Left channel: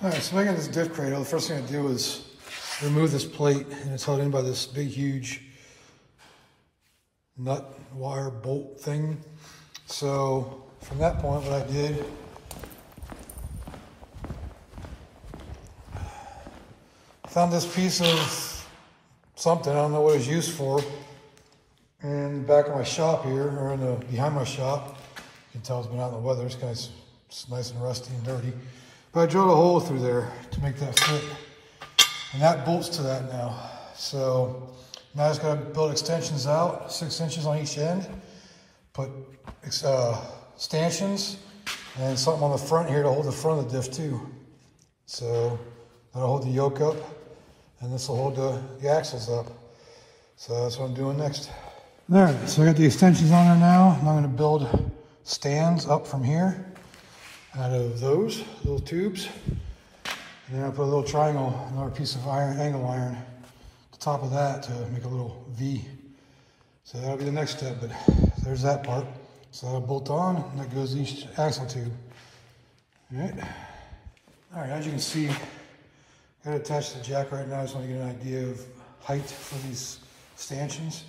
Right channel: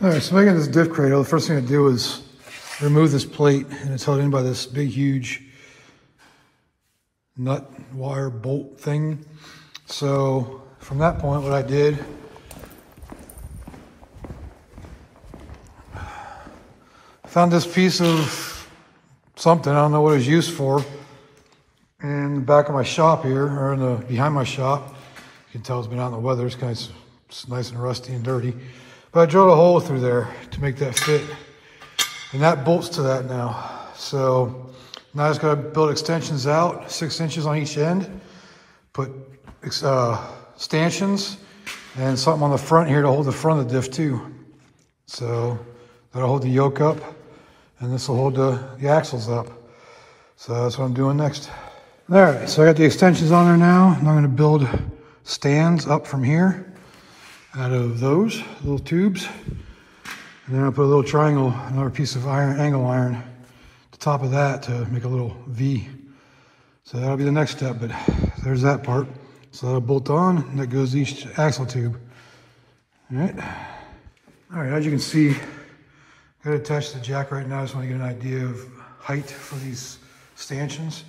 All right, so making this diff cradle, the first thing I do is remove this plate, and it's held in by this big, huge nut wire bolt thing. So from that point, what I did, found this piece of something, I don't know what it's used for, in the back of my shop here, or in the behind my shop. You can tell it's been out in the weather. It's kind of it's nice and rusty and dirty. But I drilled a hole through there to make that fit. And that bolts to that now. So now I just got to build extensions out, 6 inches on each end. Put stanchions and something on the front here to hold the front of the diff too. So that'll hold the yoke up, and this will hold the axles up. So that's what I'm doing next. All right, so I got the extensions on there now, and I'm going to build stands up from here out of those little tubes. And then I'll put a little triangle, another piece of iron, angle iron, at the top of that to make a little V. So that'll be the next step, but there's that part. So that'll bolt on, and that goes each axle tube. All right, as you can see, I've got it attached to the jack right now. I just want to get an idea of height for these stanchions.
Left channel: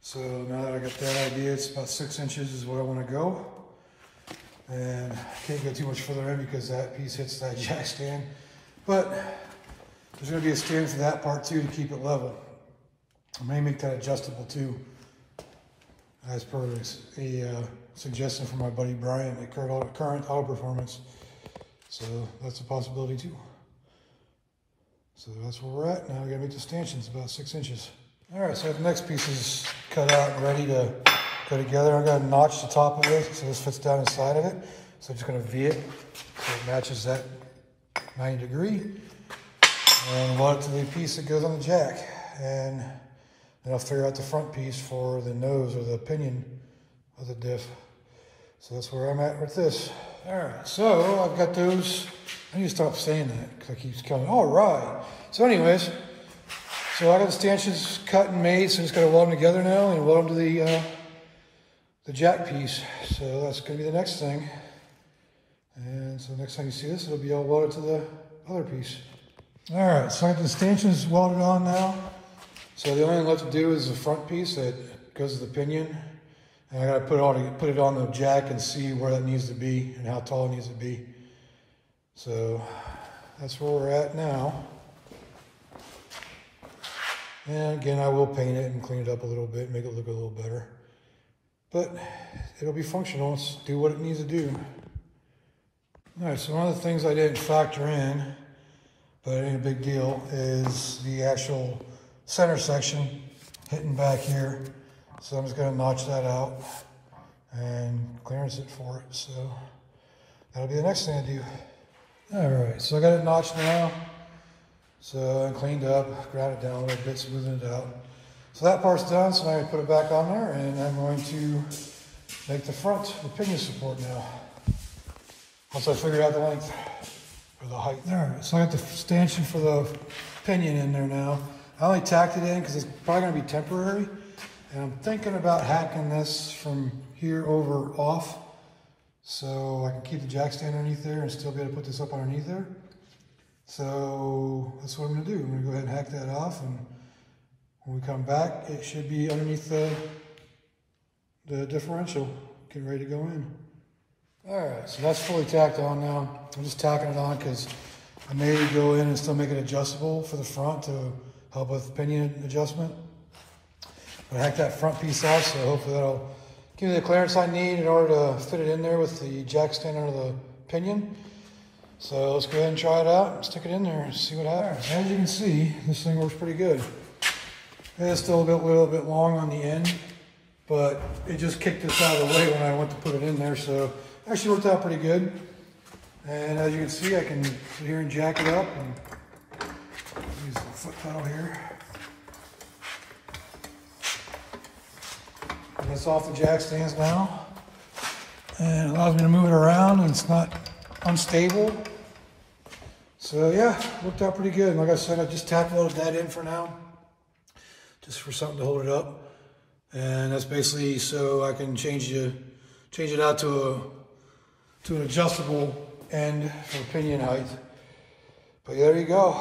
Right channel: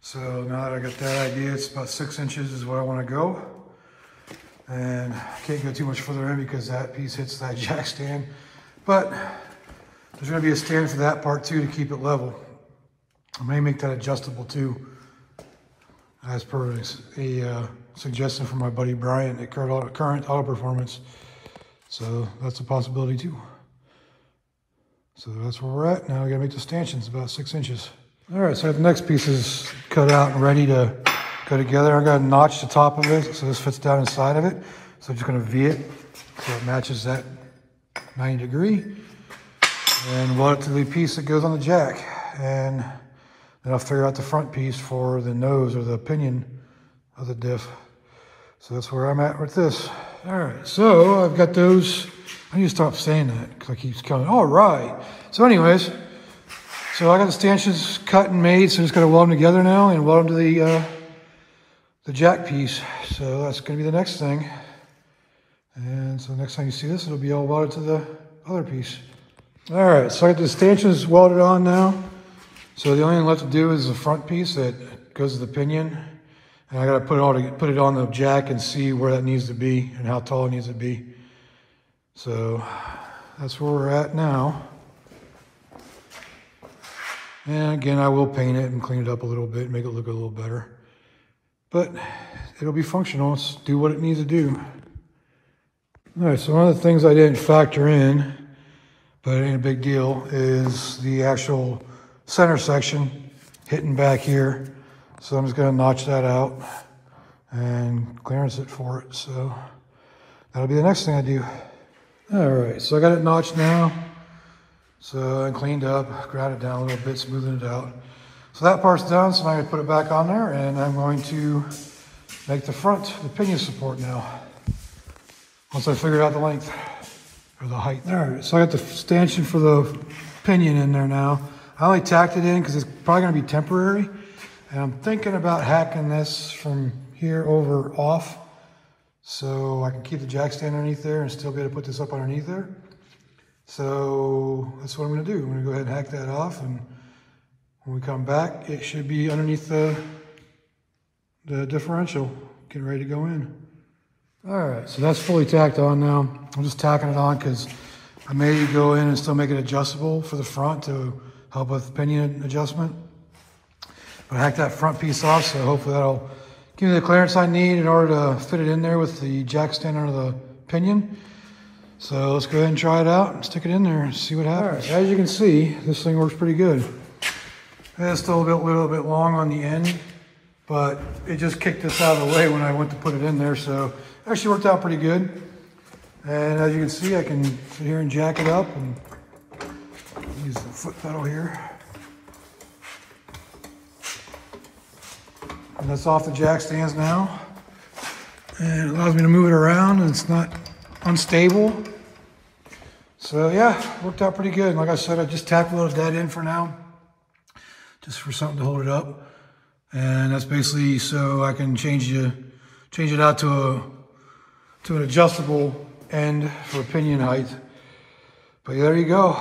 So now that I got that idea, it's about 6 inches is where I want to go. And I can't go too much further in because that piece hits that jack stand. But there's going to be a stand for that part too to keep it level. I may make that adjustable too, as per a suggestion from my buddy Brian at Current Auto Performance. So that's a possibility too. So that's where we're at. Now I gotta make the stanchions about 6 inches. All right, so the next piece is cut out and ready to go together. I got to notch the top of it so this fits down inside of it. So I'm just gonna V it so it matches that 90 degree. And weld it to the piece that goes on the jack. And then I'll figure out the front piece for the nose or the pinion of the diff. So that's where I'm at with this. All right, so I've got those. I need to stop saying that because it keeps coming. All right. So anyways, so I got the stanchions cut and made, so I'm just gonna weld them together now and weld them to the jack piece. So that's gonna be the next thing. And so next time you see this, it'll be all welded to the other piece. All right, so I got the stanchions welded on now. So the only thing left to do is the front piece that goes to the pinion. And I gotta put it on the jack and see where that needs to be and how tall it needs to be. So that's where we're at now. And again, I will paint it and clean it up a little bit, make it look a little better. But it'll be functional, it's do what it needs to do. All right, so one of the things I didn't factor in, but it ain't a big deal, is the actual center section hitting back here. So I'm just gonna notch that out and clearance it for it. So that'll be the next thing I do. All right, so I got it notched now. So I cleaned up, ground it down a little bit, smoothing it out. So that part's done, so now I'm gonna put it back on there, and I'm going to make the front, the pinion support now. Once I figured out the length, or the height. All right, so I got the stanchion for the pinion in there now. I only tacked it in because it's probably gonna be temporary. And I'm thinking about hacking this from here over off so I can keep the jack stand underneath there and still be able to put this up underneath there. So that's what I'm gonna do. I'm gonna go ahead and hack that off, and when we come back, it should be underneath the differential, getting ready to go in. All right, so that's fully tacked on now. I'm just tacking it on because I may go in and still make it adjustable for the front to help with pinion adjustment. I hacked that front piece off, so hopefully that'll give me the clearance I need in order to fit it in there with the jack stand under the pinion. So let's go ahead and try it out and stick it in there and see what happens. All right, as you can see, this thing works pretty good. It's still a little bit long on the end, but it just kicked this out of the way when I went to put it in there, so it actually worked out pretty good. And as you can see, I can sit here and jack it up and use the foot pedal here. And that's off the jack stands now. And it allows me to move it around and it's not unstable. So yeah, worked out pretty good. Like I said, I just tacked that in for now, just for something to hold it up. And that's basically so I can change it out to an adjustable end for pinion height. But yeah, there you go.